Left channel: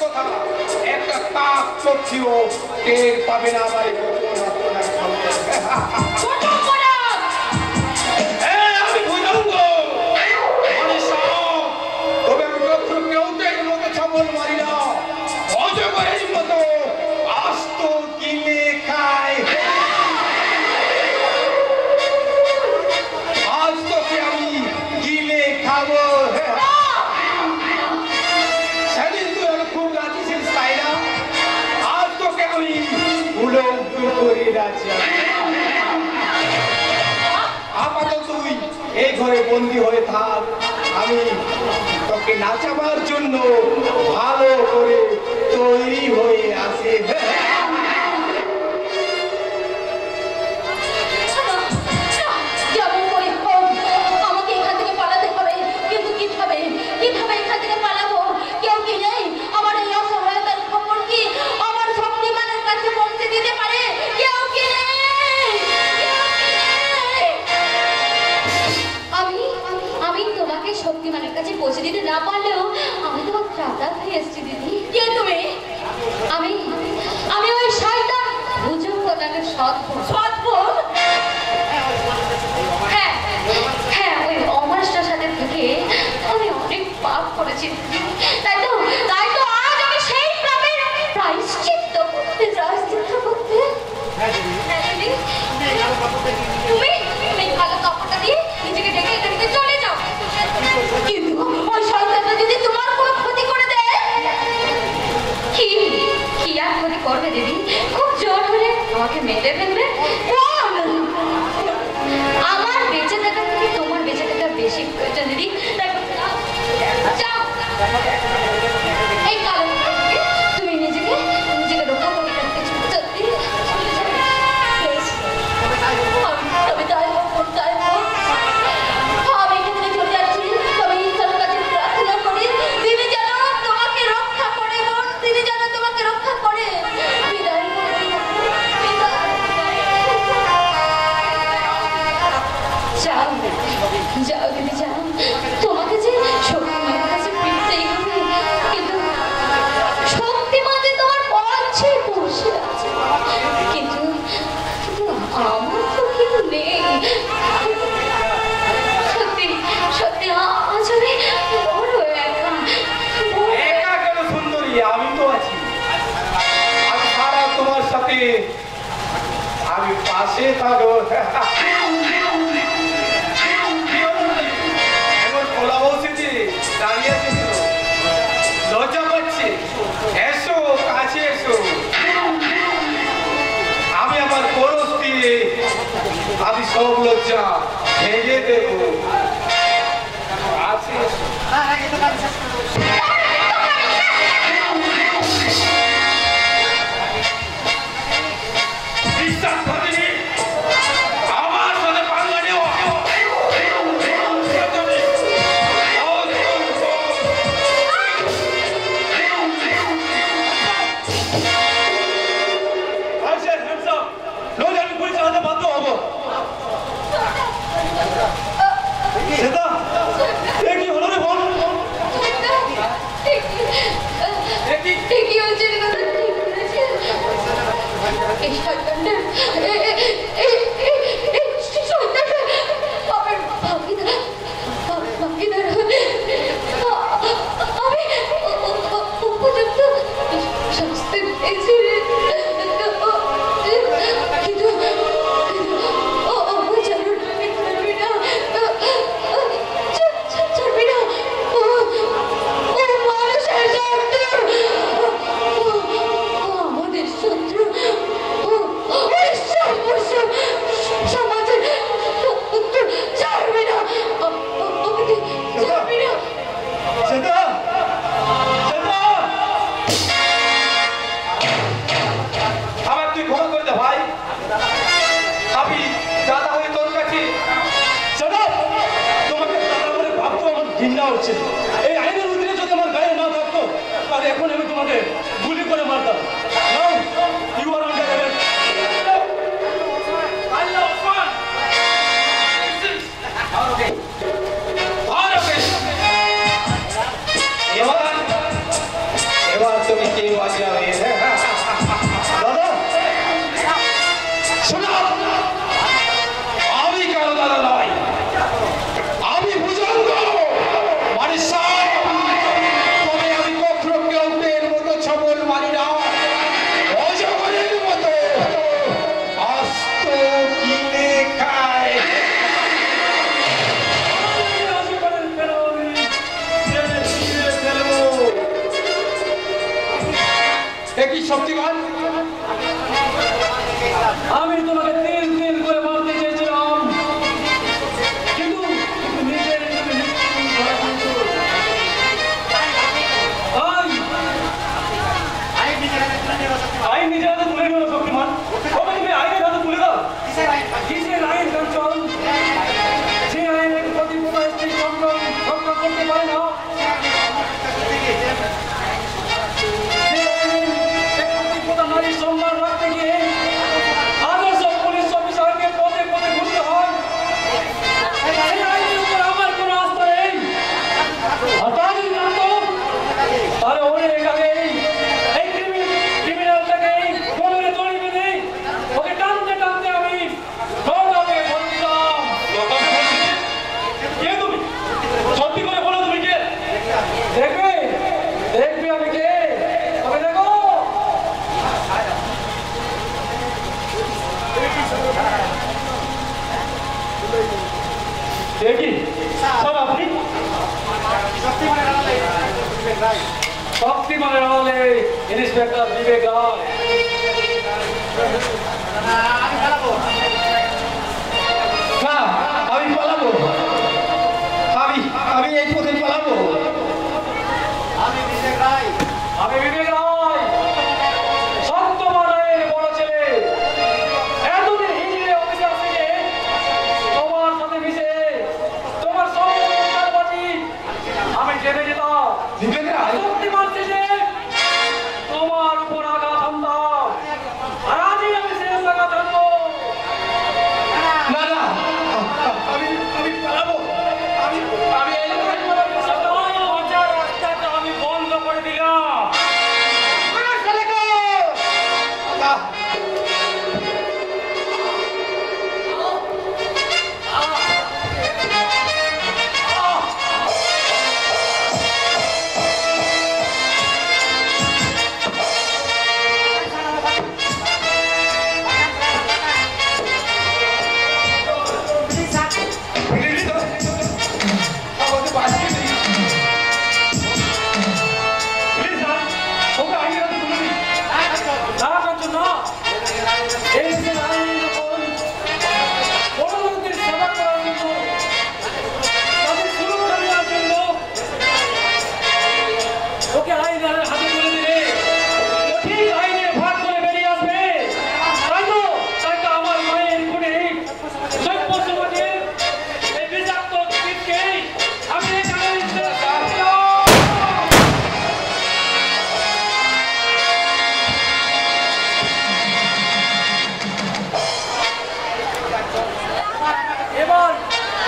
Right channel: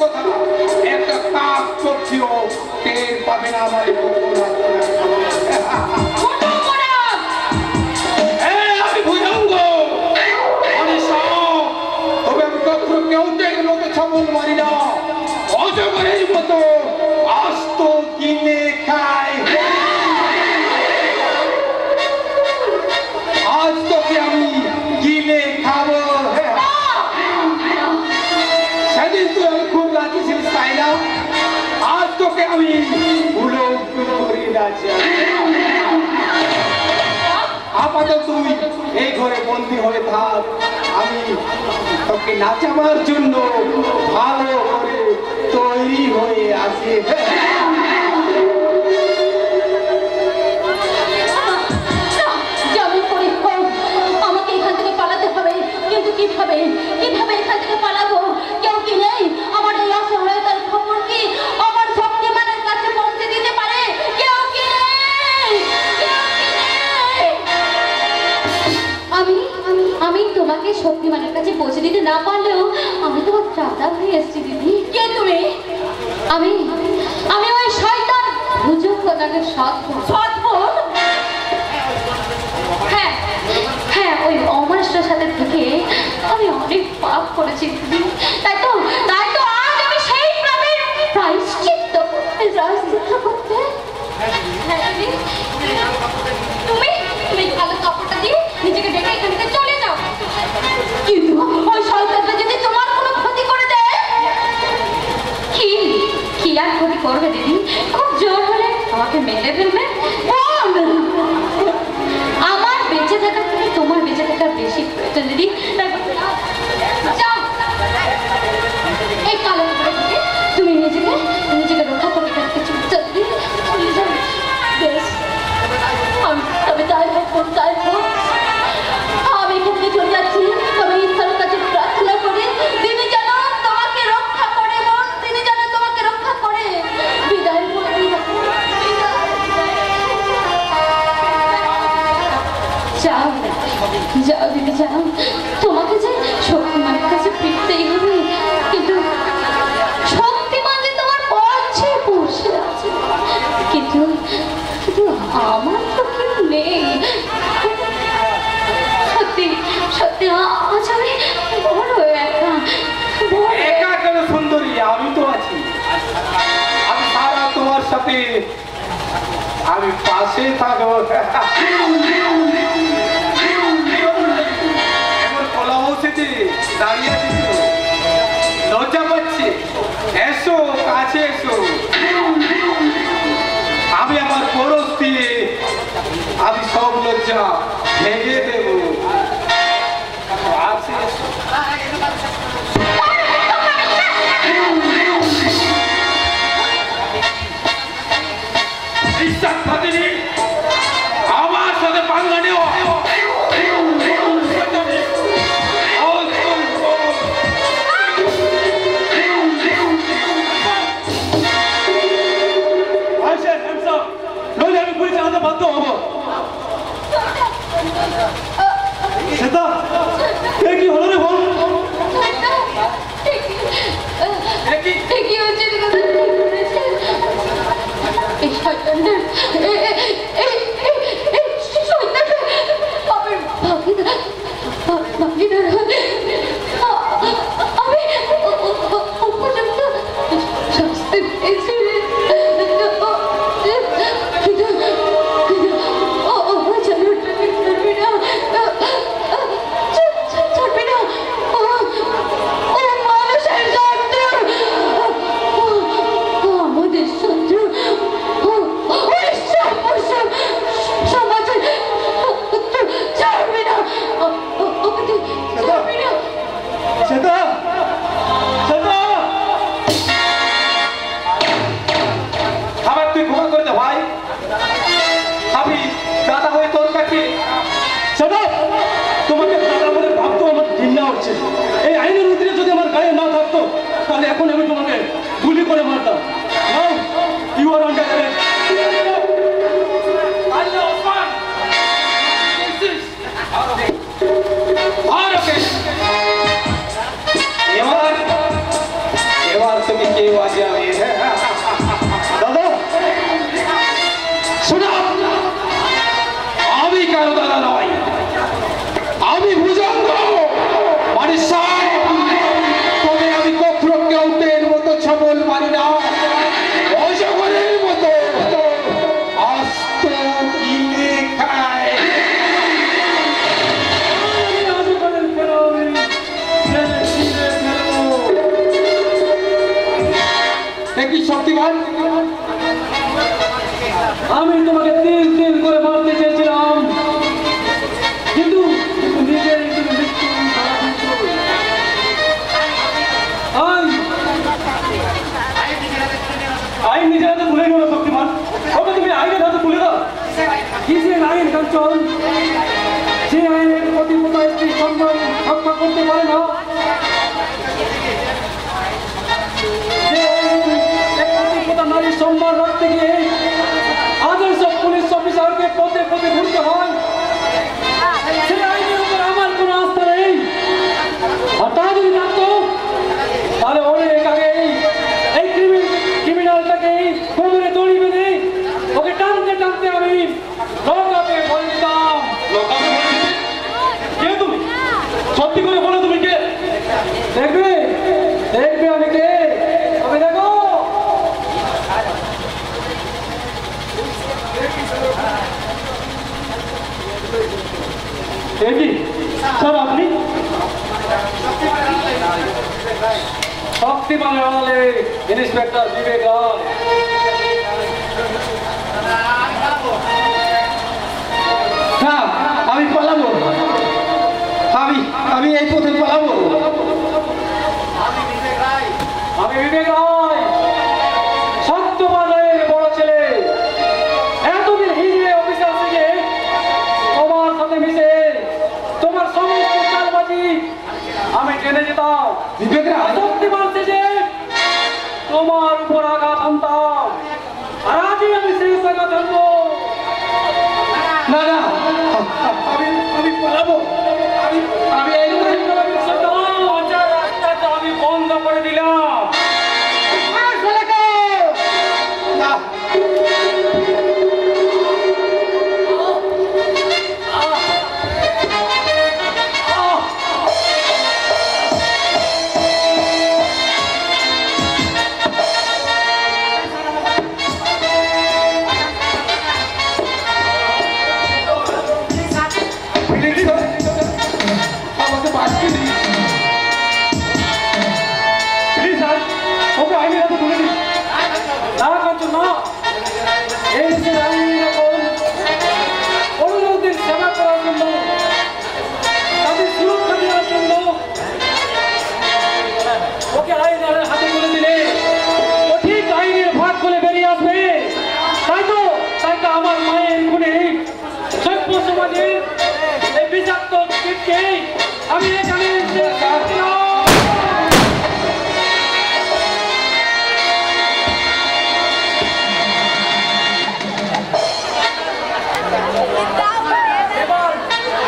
কথা একটা কাক চোখেও টের পাবে না আমার আমি বুঝাবো তবে আমি কখনো কেউ লোকে ছাগল মারি না অজগরের মতো আস্ত গিলে খায় আজ তোকে আমি গিলে খাবো সেদিন তুই আমি খুব রাখছিস তাই না আজ তোকে আমি ভুলো করি রাজি আপাতত তুই এই ঘরে বন্দী হয়ে থাক আমি তোকে নাচাবার জন্য ভালো করে তৈরি হয়ে আসি যেমন করে হোক আমাকে এখান থেকে পালাতে হবে কিন্তু কিভাবে এখান থেকে পালাবো কেউ কি নেই আমার এই অসহায়তার খবর কি আমার শক্তিমানের কাছে পৌঁছে দিতে পারে কেউ কি নেই আমি তোমাকে শক্তিমানের কাছে পৌঁছে দিতে না পারলেও আমি তোমার ত্রাতা হয়ে এসেছি দিদি কে তুমি আমি ওই শয়তান ভুজঙ্গনাথের সৎবোন হ্যাঁ ওই অমানুষটার সাথে থেকে আমি অনেক পাপ করেছি দিদি তাই তো আজ আমি সেই পাপের প্রায়শ্চিত্ত করতে তুমি কালো কাপড়টা দিয়ে নিজেকে ডেকে এখান থেকে চলে যাও কিন্তু ওই শয়তানটা যদি তোমার কোনো ক্ষতি করে দেয় কি আর ক্ষতি করবে দিদি খুব জোর হলে আমাকে মেরে ফেলবে আমার বেঁচে থাকার থেকে তোমার বেঁচে থাকার বেশি প্রয়োজন দিদি তাই যাও এই কালো থেকে তুমি নিজেকে রক্ষা করে রাখতে চলতে চলে যাও বেশ তবে তাই হোক আমি এখান থেকে চলে যাচ্ছি তবে ঈশ্বরের কাছে প্রার্থনা করি তিনি যেন তোমাকে রক্ষা করে বোন তিনি যেন তোমাকে রক্ষা করে বিদায় যাও দিদি যাও তোমাকে যে শক্তিমানের কাছে ফিরতেই হবে কিন্তু শক্তিমান যে তোমার পৌঁছে বসে আছে কিন্তু আমার তো কেউ নেই সত্যি আজ আমি বড় একা কেন সুন্দরী আমি তো আছি আমি সারা তোমার সাথে আমি পাশে থাকবো এবার কলা বসেছি দাঁড়িয়ে আছি লজ্জা পাচ্ছি এসো কাছে এসো আমি আমার পরশ দিয়ে আমি সব লজ্জা ভেঙে দেবো বিশ্বাস থাকিনি আমার সাথে পাঙ্গা নেওয়া নইলে আমি পুলিশ আনতে বাধ্য হবো সেটা কি হলো রে বল ঠিকই হচ্ছে এই শয়তানটা বাপের ভাগিদার আমি উপযুক্ত শাস্তি পেয়েছি কিন্তু ছাড়বি না মানুষের আমাদের শত্রু সমাজের ছাড়বি না ছাড়বি না আবার তুই ক্ষমা করে দে ভাই আমি দাদা হয়ে তোর কাছে তোমাকে ভাবতো আমার ঘৃণা হচ্ছে এই আইনের অধীনে যদি আমার গায়ে না থাকতো তাহলে এখন আমি তোমাকে গুলি করে মারতাম ইউ আর আন্ডার অ্যারেস্ট এবার তো কেউ আসিয়া হয়েছে। দাদা শোনো, আমি কেন দাদা নয়, আমি ভুজঙ্গ মানে সাপ। তবে আমি কখনো কেউটের মতো ছবল মারি না, অজগরের মতো আস্ত গিলে খায়। কি শক্তিমান, আমি তোমাকে 3 দিন করে মারতে চেয়েছিলাম, কিন্তু নিজের আইন নিজের হাতে তুলে নিল শক্তিমান। তবে তুমি আইনের হাতে তুলে দাও। কিসের আইন কাঞ্চন? যে আইনের প্রতি স্ত্রী সম্মান রক্ষা করতে পারে না, নারীর সম্মান রাখতে গিয়ে আদর্শ পুলিশ অফিসারকে পথে পথে ঘুরতে হয়, সেই আইনের উপর আমার কোনো আস্থা নেই। আর তা যদি থাকতো তাহলে অনেক আগে এই ক্রিমিনালটাকে কোমরে দড়ি বেঁধে ওকে টানতে টানতে আমি লকাপে ভরে দিতাম। কে তুমি? সত্যি করে বলো তুমি কে? দেখবে দেখবে আমি কে, তবে দেখো। স্যার আপনি শক্তিমানের আড়ালে ইন্সপেক্টর বিবেক রায়। হ্যাঁ আমি পালাবো, আমি এই পথে পালাবো। আমি বিবেক রায়, সত্যবান রায়ের বড় ছেলে। এতদিন হিজড়ে অফিসার থেকে তোমার সাথে মিশে তোমার সমস্ত চালবাজি আমি জেনে যেতাম। বিবেক রায়, শক্তিমান থেকে তোমার উপর আঘাত আনতাম, আর আজই আমি শেষ আঘাত আনবো। না না, আমি পালাবো, আমি এই রাস্তাটা আমি বন্ধ করে দিলাম। না। আমাকে বাঁচিয়ে দিন। প্লিজ স্যার, ওকে আইনের হাতে তুলে দিন। না কাঞ্চন না, এই দেশের আইনের ওপর অনুরোধের সেবা করার জন্য, তাদের সুরক্ষা দেওয়ার জন্য ওকে আইনের হাতে তুলে দিলে ও ঠিক আইনের ভাগ করে বেরিয়ে আসবে। তাই তো আমার মায়ের খুনে সভ্য সমাজের এই বিষাক্ত কীটকে আমি এখানে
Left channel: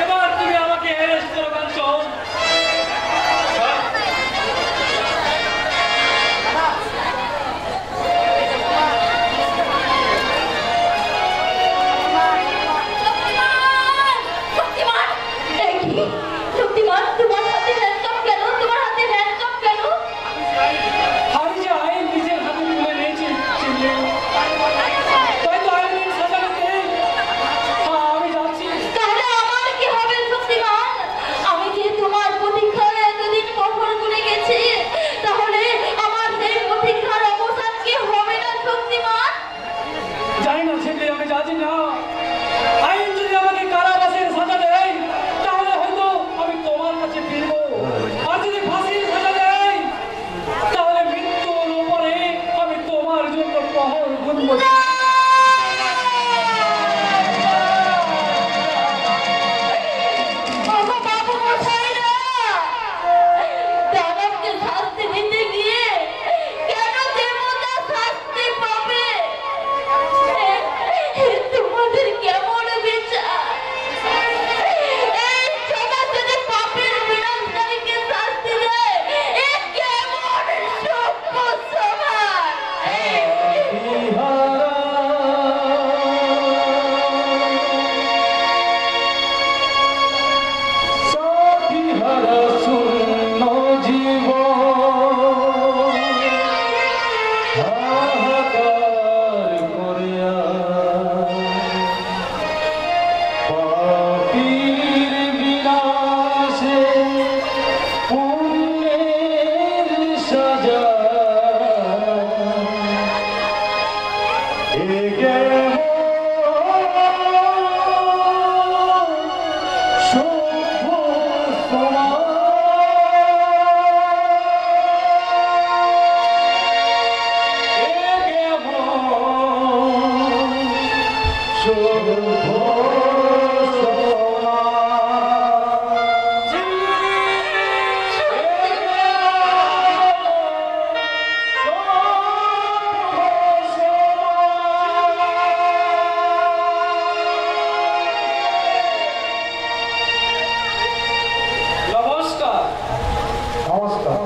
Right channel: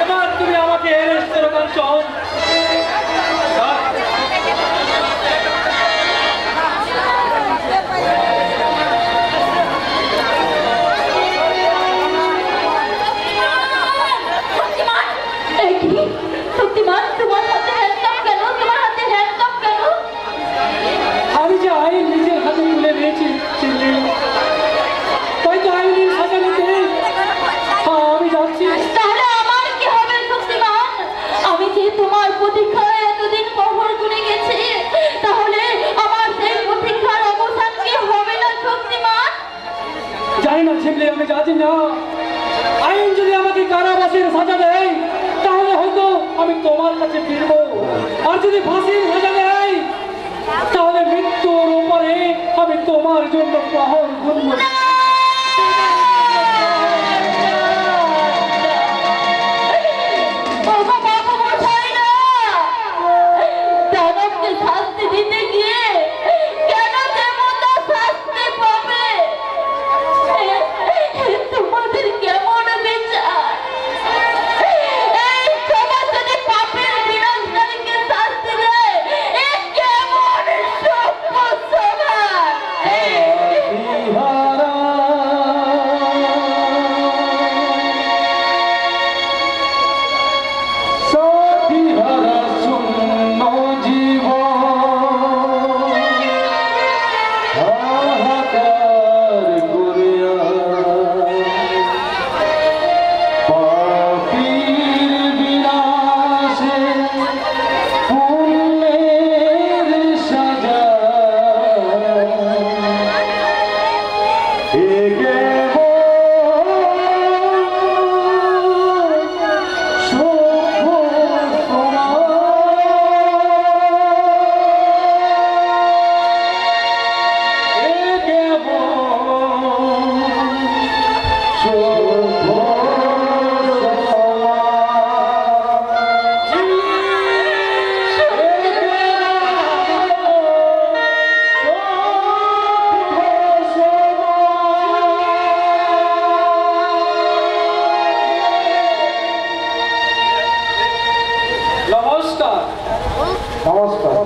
এবার তুমি আমাকে অ্যারেস্ট করো কাঞ্চন। শক্তিমান, তোমার হাতে হ্যান্ডকাপ কেন? তোমার হাতে হ্যান্ডকাপ কেন? আমি যে আইন নিজের হাতে তুলে নিয়েছি, তাই তো আইনের সাজা নিতে আমি যাচ্ছি। তাহলে আমার কি হবে শক্তিমান? আমি যে তোমার প্রতীক্ষায় এতদিন প্রহর গুনে গেছি, তাহলে আমার সেই প্রতীক্ষার অবসান কি হবে না শক্তিমান? জানি না ছেলে, আমি জানি না। আইন যদি আমাকে কারাবাসের সাজা দেয় তাহলে হয়তো আমি তোমার কাছে ফিরবো, আর যদি ফাঁসির সাজা দেয় তাহলে মৃত্যুর উপরে আমি তোমার জন্য প্রহর গুনবো। বাবা, বাবা মশাই না! দানবকে শাস্তি দিতে গিয়ে কেন দেবতা শাস্তি পাবে? তোমাদের কেমন বিচার? এই সমাজ যদি পাপের বিনাশকারীকে শাস্তি দেয়, নমস্কার। নমস্কার।